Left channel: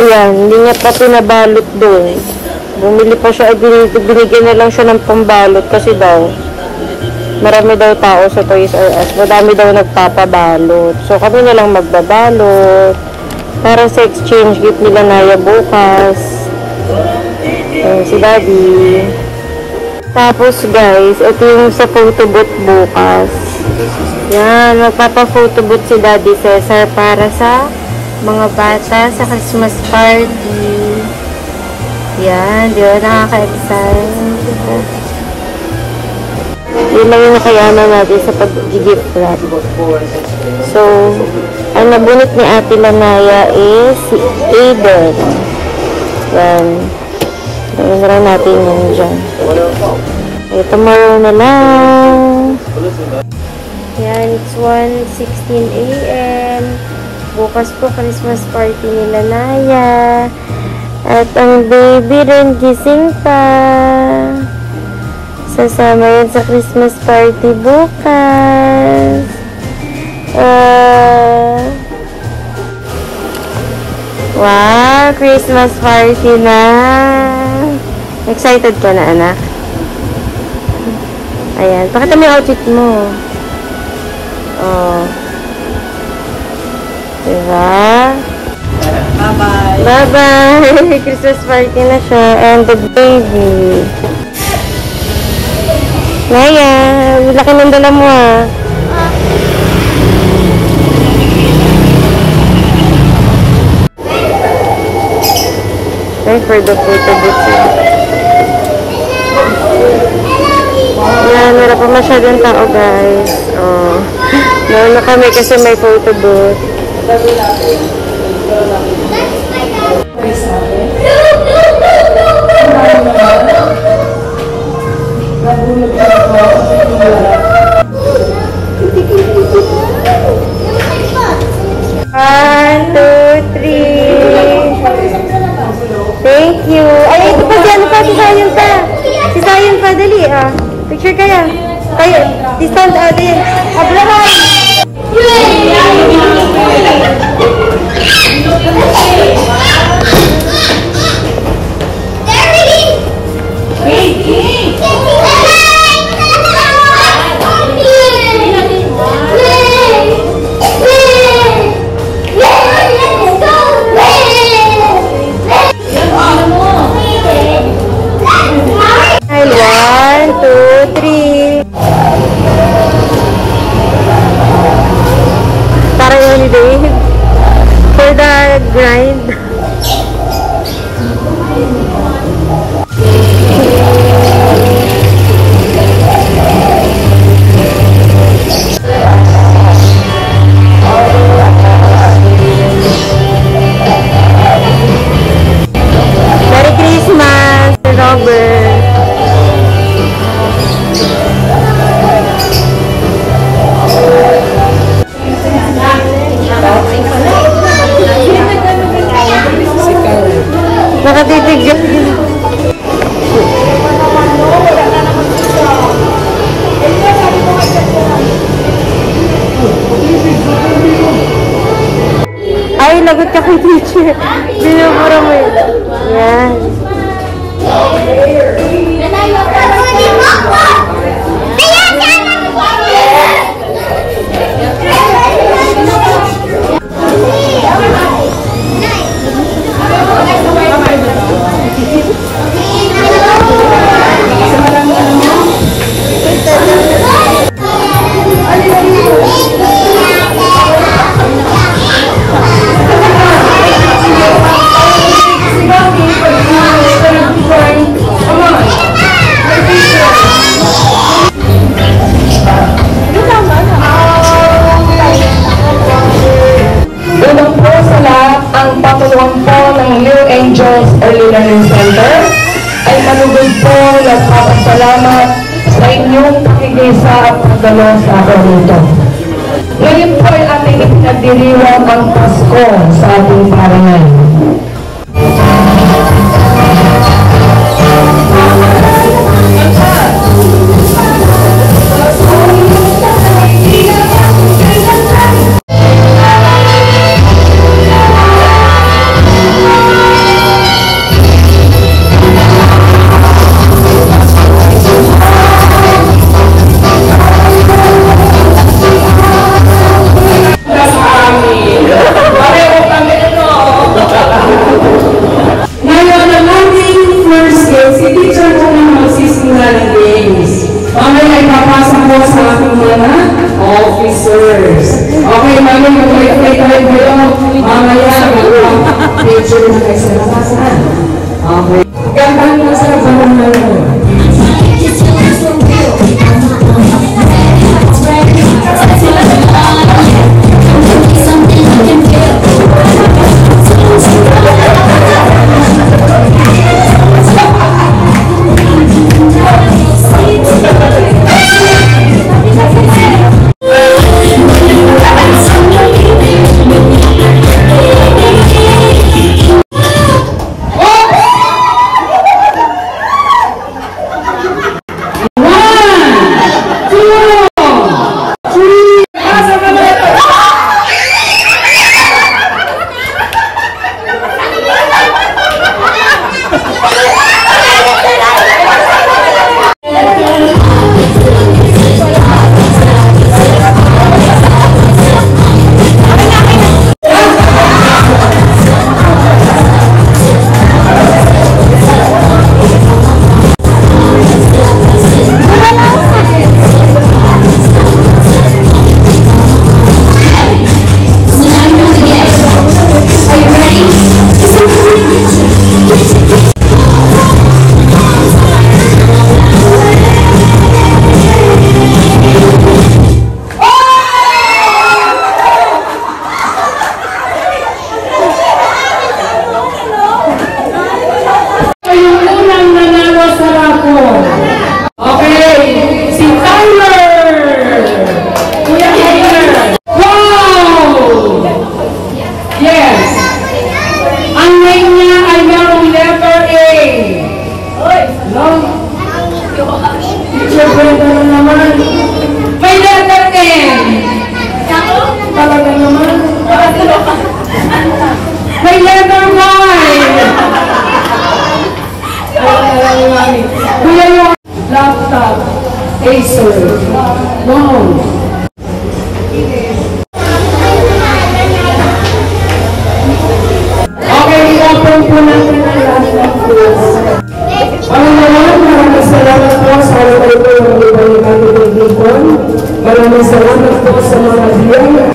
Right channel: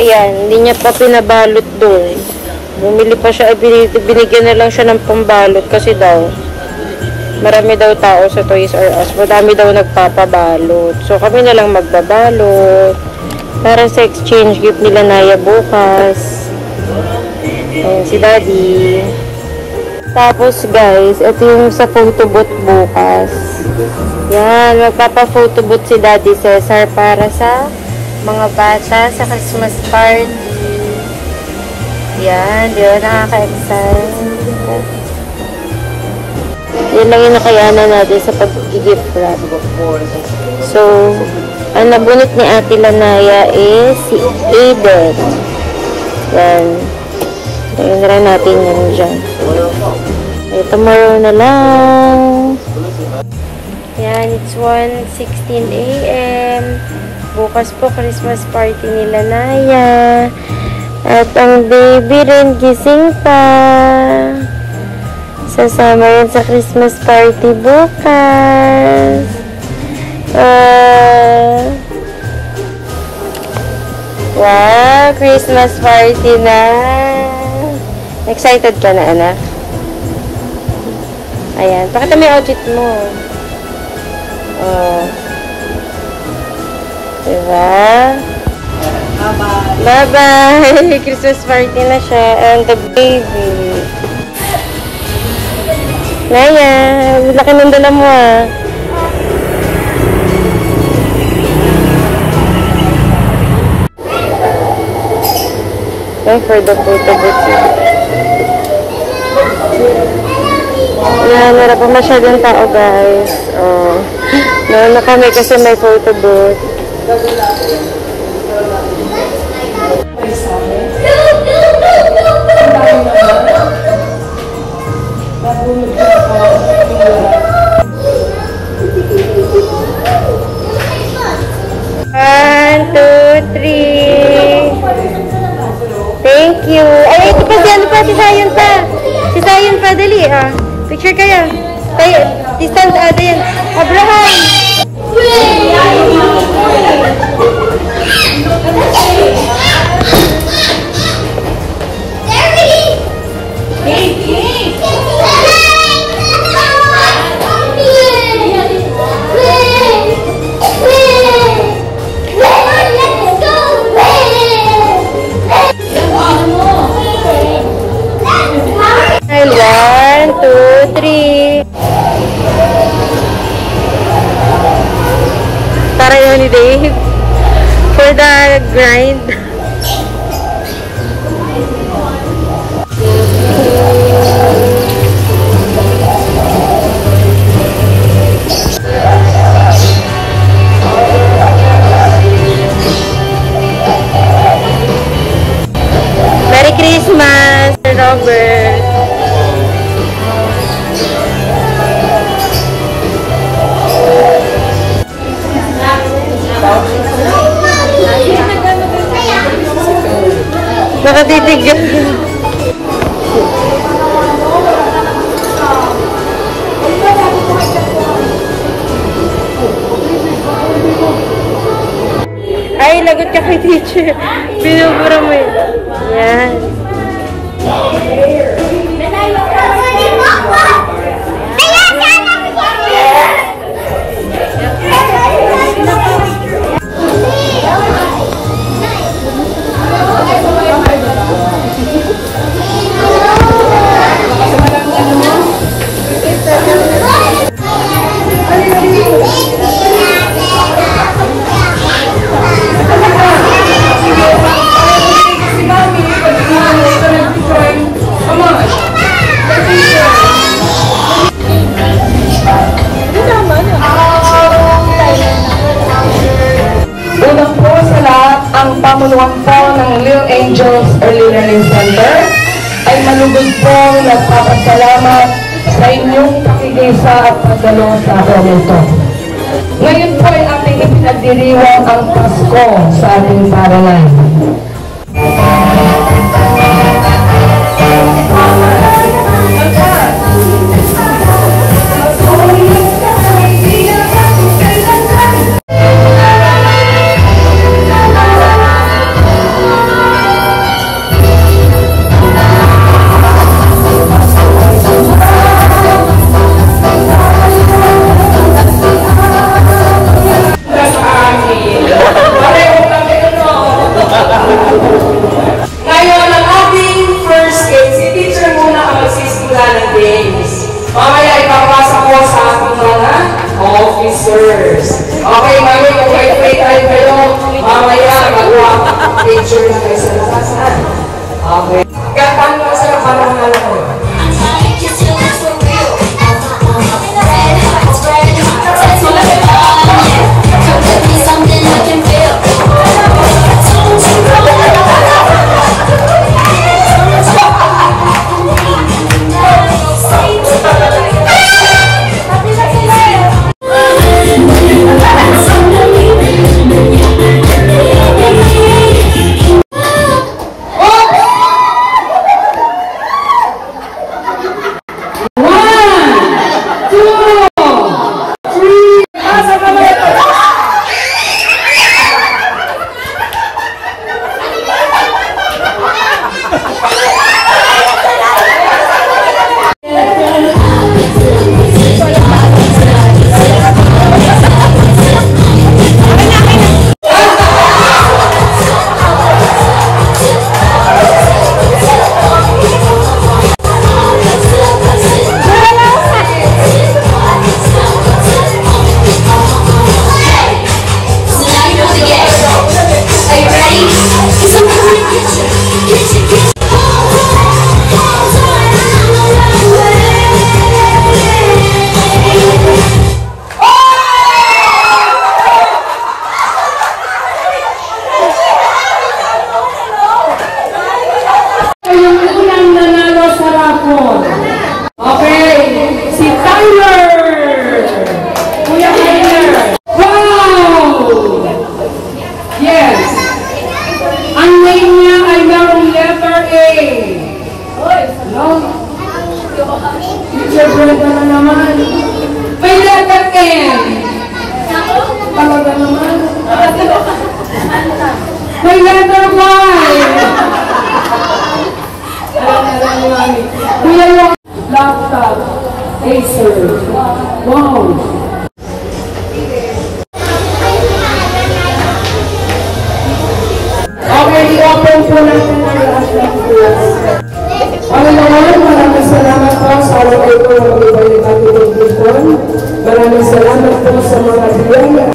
Ayan, hindi niya pa pinabalot doon. Bumili pa siya, binigyan na lang siya ng pambalot kasi daw, marami daw tao sa Toys R Us. Madami daw nagpapabalot. So, kami na lang magbabalot. Para sa exchange gift nila Naya bukas. Ayan, si Daddy. Tapos, guys, ito yung sa photo booth bukas. Yan, magpapa-photobooth si Daddy Cesar para sa mga bata sa Christmas party. Yan, di ba? Nakaka-excite. Yun lang yung nakayanan natin sa pag-gift wrap. So, ang nabunot ni Ate Lanaya is si Aiden. Yan. Lagyan na lang natin yan dyan. Okay, tomorrow na lang. Yan, it's 1:16 AM. Bukas po, Christmas party nila Naya. At ang baby rin gising pa. Sasama yan sa Christmas party bukas. Wow, Christmas party na. Excited ka na, anak? Ayan, pakita mo yung outfit mo. Oh. Diba? Bye-bye. Bye-bye. Christmas party na siya. And the baby. Naya, laki ng dala mo ah. Time for the photo booth. Yan, wala pa masyadong tao guys. Oh. Naroon na kami kasi may photo booth. One, two, three. Thank you. Ay, ito pa si ano pa, si Sayon pa. Si Sayon pa, dali ah. Picture kaya. Tayo, stand din. Abraham. One, two, three. Para holiday for the grind. Merry Christmas, Robert. Nakatipid yan. Ay, lagot ka kay teacher. Binubura mo yun. Yan. Nagpapasalamat sa inyong pakikisa at pagdalo sa atin ito. Ngayon po ay ating ipinagdiriwang ang Pasko sa ating barangay. Maraming salamat po sa mga biyaya.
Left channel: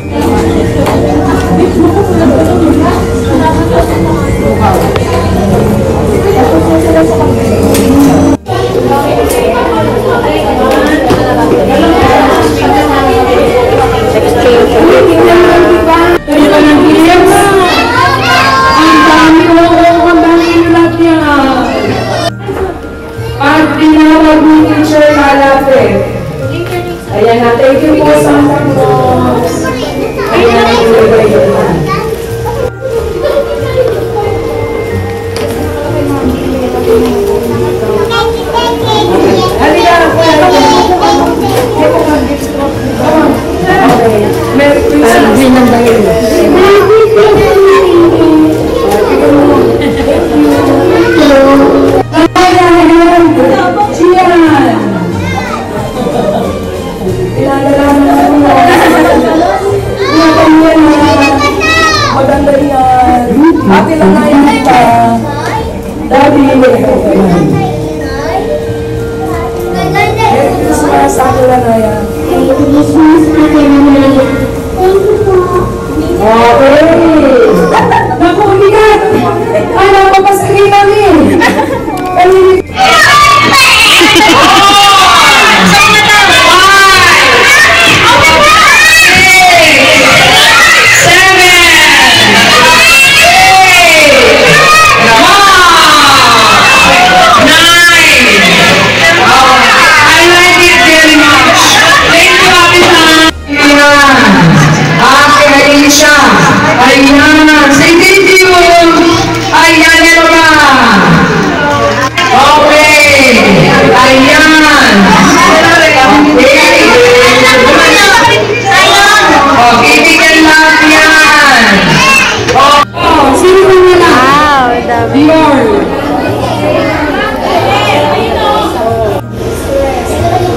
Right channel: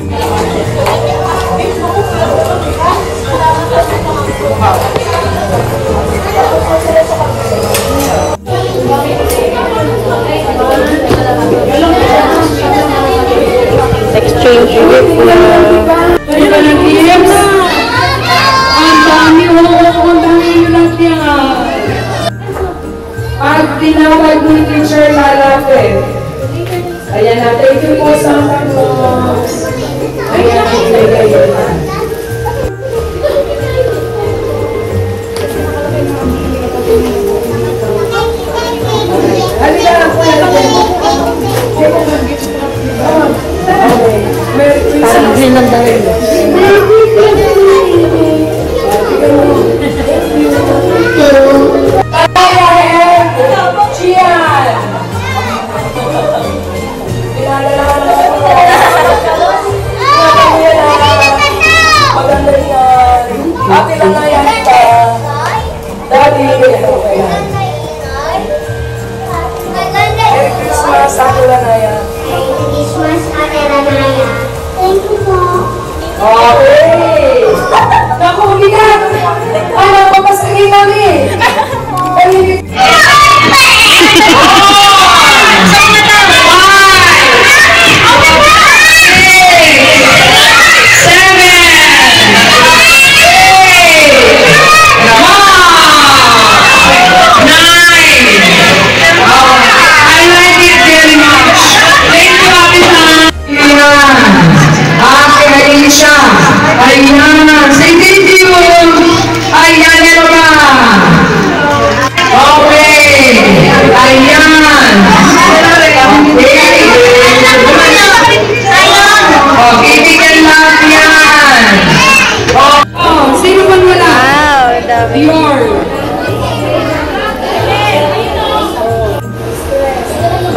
Exchange gift na. At tinawag mo yung teacher na lapit. Ayan na, thank you po sa mga. Ayan na, ayan na.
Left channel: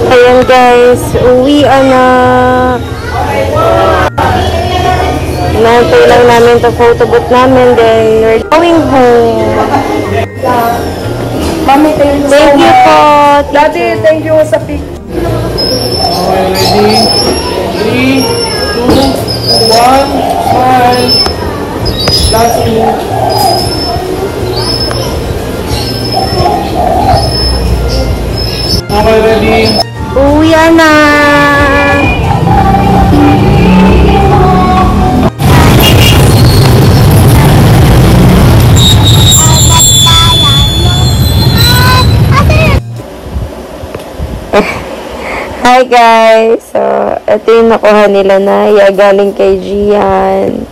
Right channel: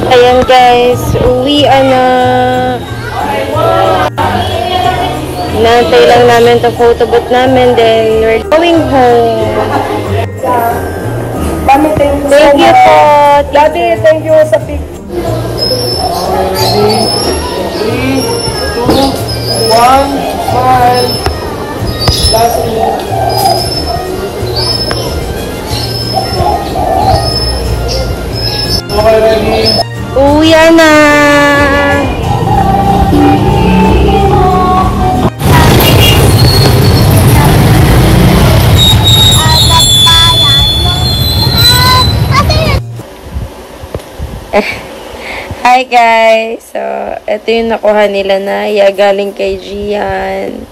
Ayan guys, uwi na. Nantay lang namin to photobooth namin, then we're going home. Mami, thank you Thank you po. Daddy, thank you sa picture. Ready? 3, 2, 1, smile. Last move. Okay, ready? Uwi na. Hi guys! So, ito yung nakuha nila na galing kay Gian.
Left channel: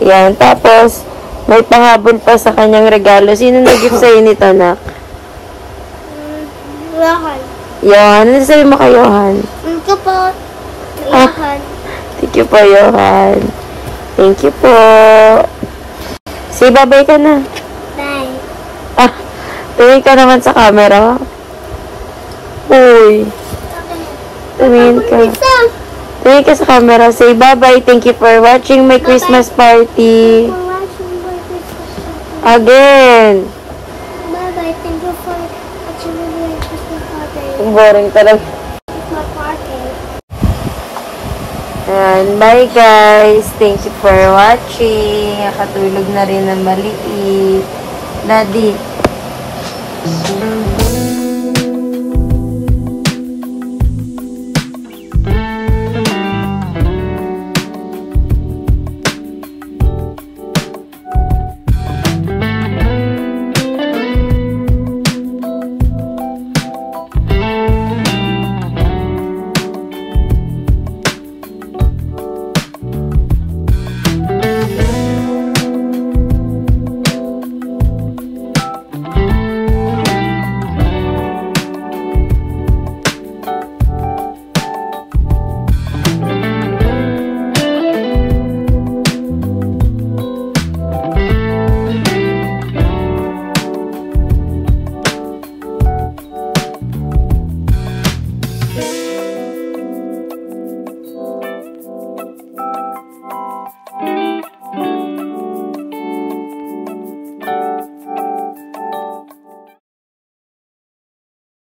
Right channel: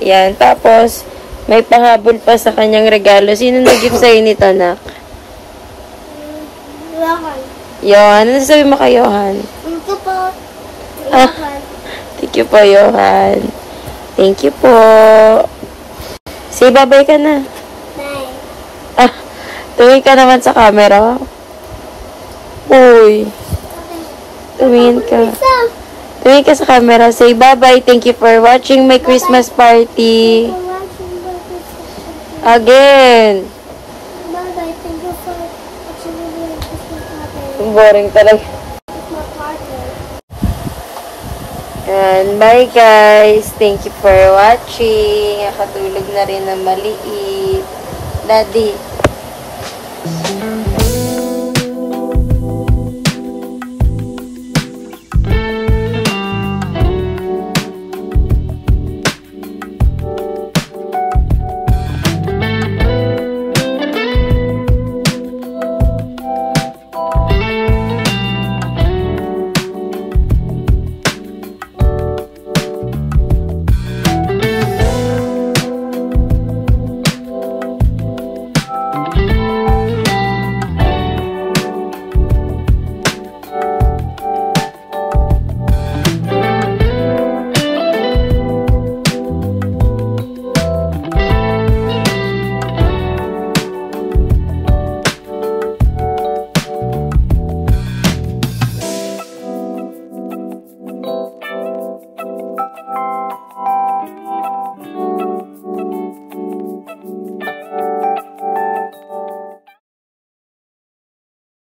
Yan. Tapos, may pahabol pa sa kanyang regalo. Sino nag-gift sa'yo nito, nak? Johan. Johan. Ano sabi mo kay Johan? Thank you po. Ah. Johan. Thank you po, Johan. Thank you po. Say bye-bye ka na. Bye. Ah, tumingin ka naman sa camera. Uy. Tumingin ka. Tumingin ka sa camera. Say bye-bye. Thank you for watching my Christmas party. Again. Bye-bye. Thank you for watching my Christmas party. Boring talaga. Christmas party. And bye guys. Thank you for watching. Nakatulog na rin na maliit. Daddy.